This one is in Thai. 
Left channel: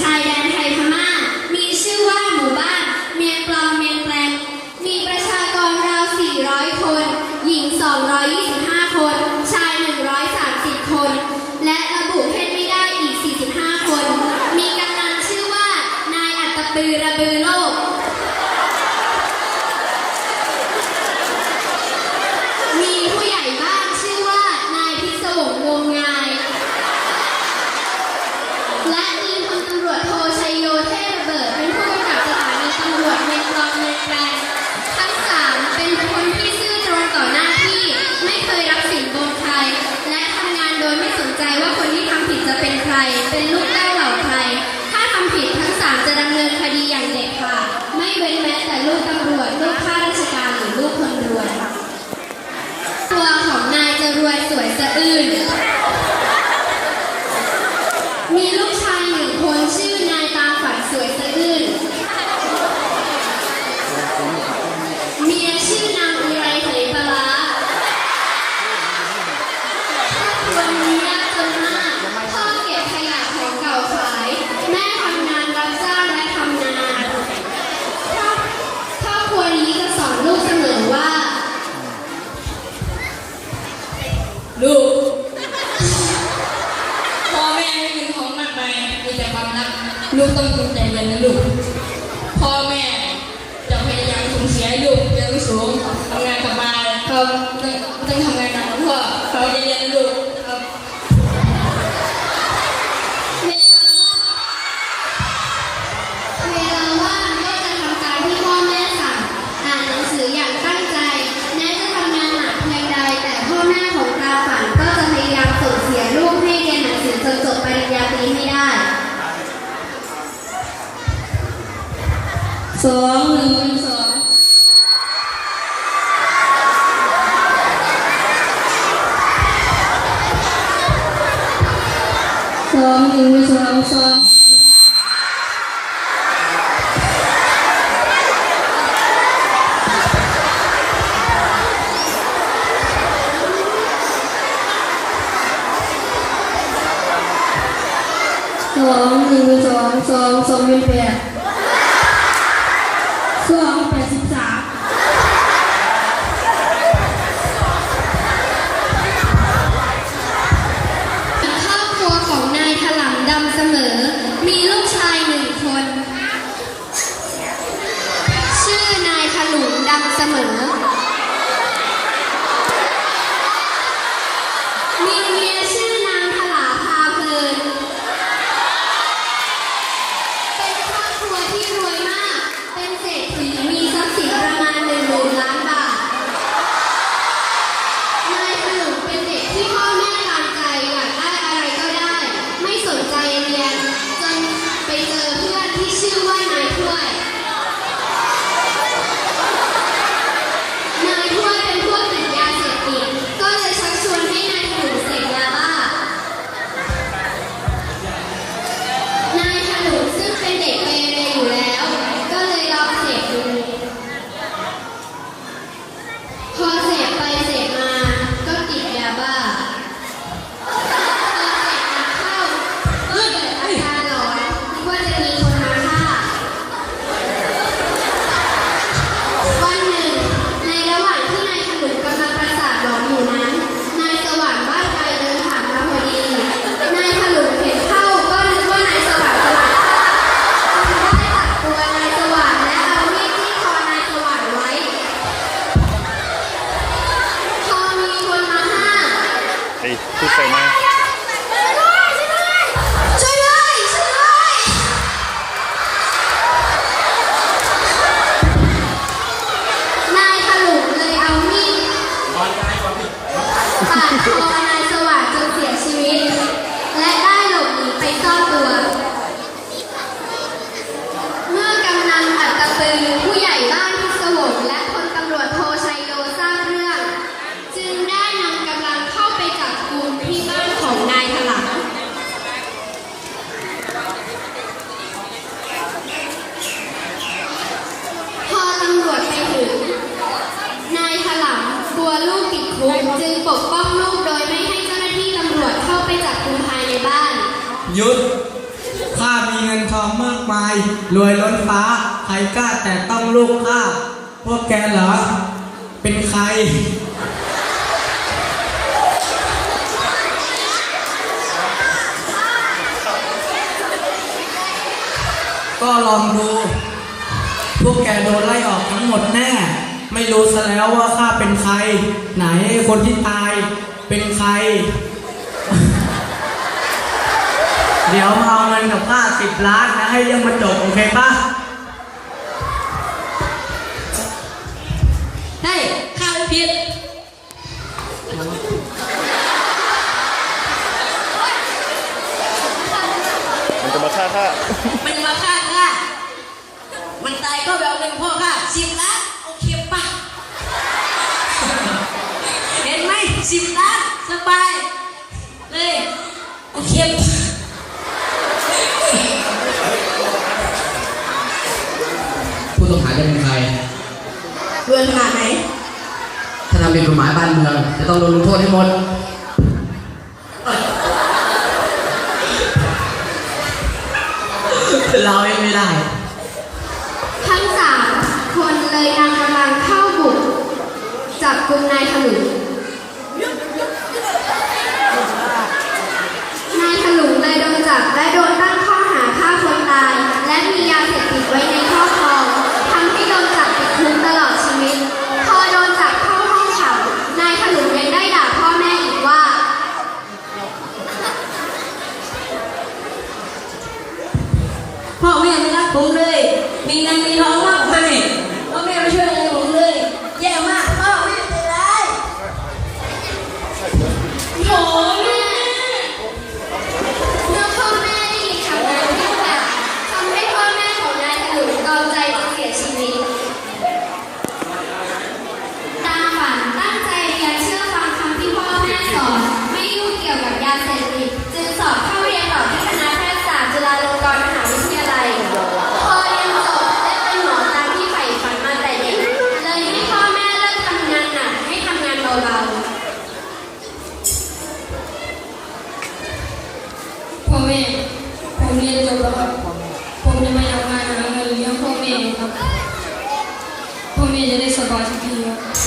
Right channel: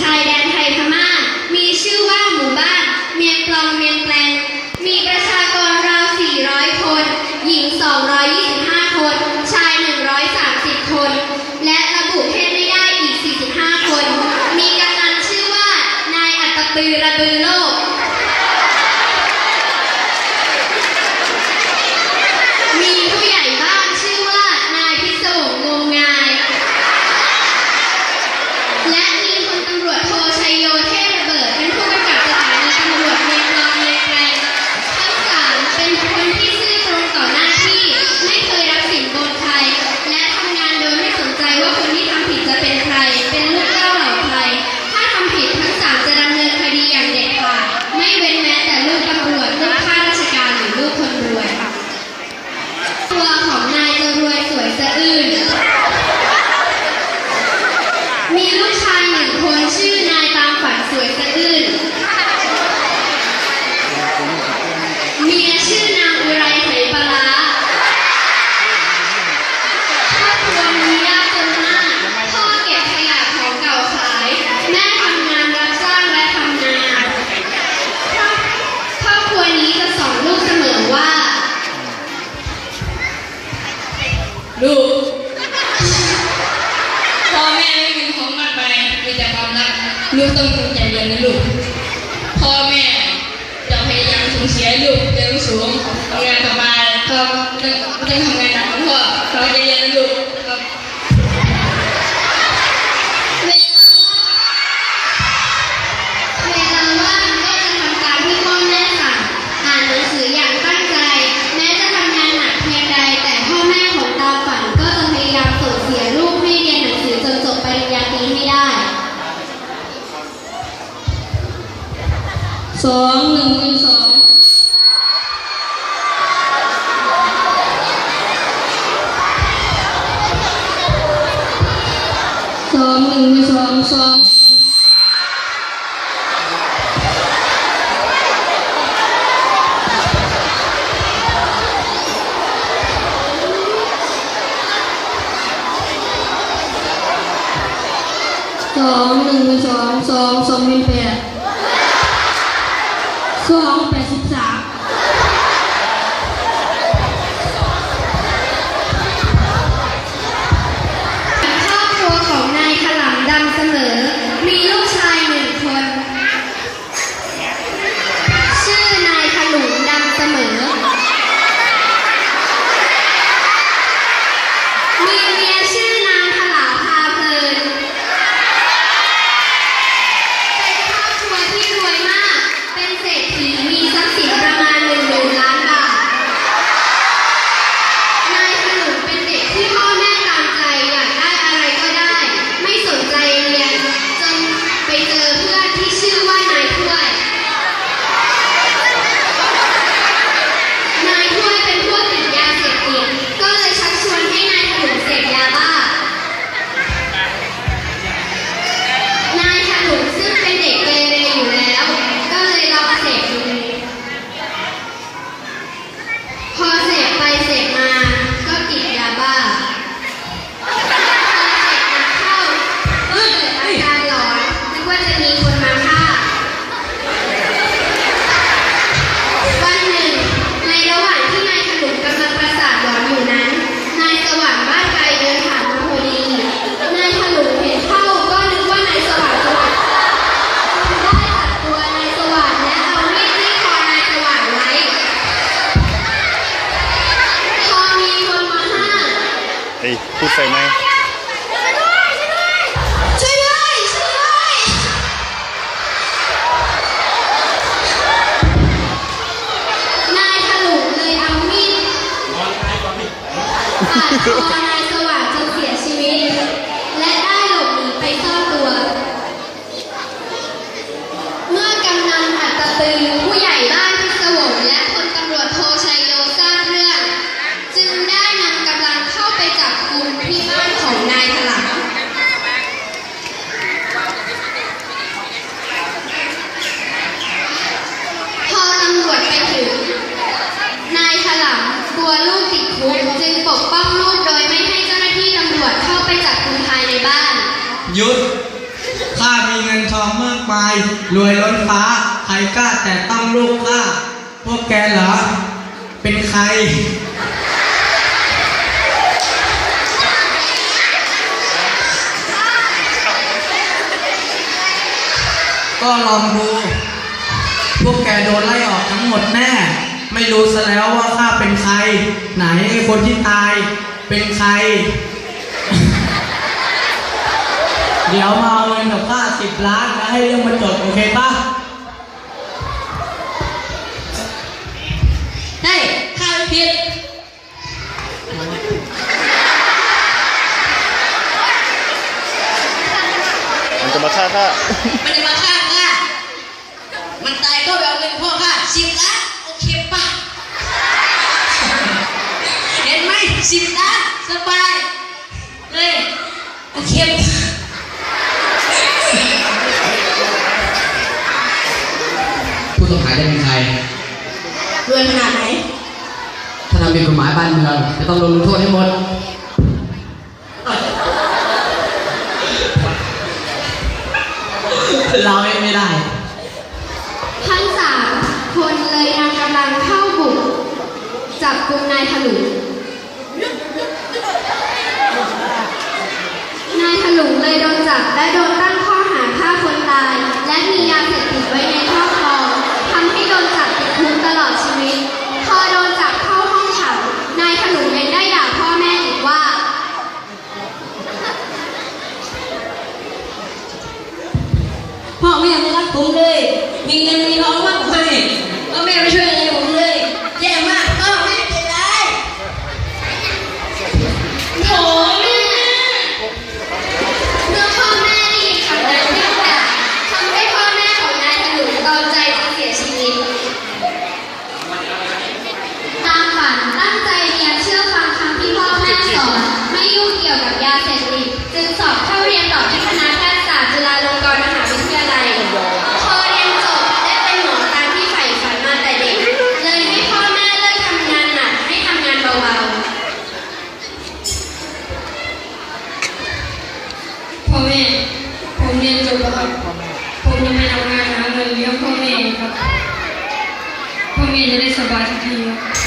ชายแดนไทยพม่า มีชื่อว่าหมู่บ้าน เมียงกลองเมียงแปลน มีประชากรราว 400 คน หญิง 225 คน ชาย 130 คน และระบุเพศไม่ได้อีก 45 คน มีกำลังชื่อว่า นายอัตปือระบือโลก มีผู้ใหญ่บ้านชื่อว่า นายพิศวงงงาย และ ลูกต้องตั้งใจเรียนนะลูก พ่อแม่จะพยายามส่งเสียลูกเรียนสูงทำงานสบายเขาต้องทำงานหนักเพื่อเขาจะเรียนนะลูก สองหนึ่งหนึ่งสองสองหนึ่งสองสองสองหนึ่งสองสองสองเป็นแปด 是啊。 ยุด ข้ามีเงินทองมากมาย รวยล้นฟ้า ใครกล้าแต่ต้องลูกข้า พวกแกเหรอ เป็นใคร ก็ลองดู พวกแกโดนไล่ออกทั้งหมดแน่ ไม่รู้ซะแล้วว่าข้าเป็นใคร ไหนคนที่ตาย เป็นใคร เดี๋ยวมาเอาเงินกับข้าสิบล้านนะให้เรื่องมันจบโอเคปะเฮ้ยข้าไม่ผิดมันจะมาฆ่าข้ามันจะมาฆ่าข้ามันตายก็ไปเอาเงินพ่อข้าสิบล้านโอเคปะเห็นไหมสิบล้านสบายเลยโอเคปะ ผู้ต้องหา จะเป็นใครเรื่องขนาดไหน ถ้าทำเป็นกฎหมายบ้านเมืองจะต้องโดนลงโทษให้หมด เราเองไม่ได้ ทั้งสามคนเลยนำกำลังเข้าบุก จับกลุ่มนายถลุงนายถลุงเลยโดนจับและโดนตั้งข้อหาฆ่าคนตาย และมียาเสพติดไว้ในครอบครองทำให้โดนจับติดคุกตลอดชีวิต พอโดนจับเข้าห้องขังนายถลุงยังได้ด่าพ่อแม่อีกว่า พ่อแม่ไม่รัก ผมเลย มีเงินมีทองมากมายพ่อแม่ไม่ช่วยอะไรผมเลย แย่มากพ่อแม่เป็นไรโถแม่เมื่อพ่อแม่ได้ยินคำนั้นก็ด่าทำให้พ่อแม่ของนายถลุงตอมใจจะเสียชีวิต ตามฝันตั้งใจเรียนเชื่อฟังคำที่พ่อแม่สอนไม่ยุ่งเกี่ยวกับยาเสพติด พ่อแม่ ผมเรียนจบแล้วครับ ผมจะไปทำงานหาเงินเลี้ยงพ่อแม่ครับ พ่อแม่จะได้สบายสักทีครับ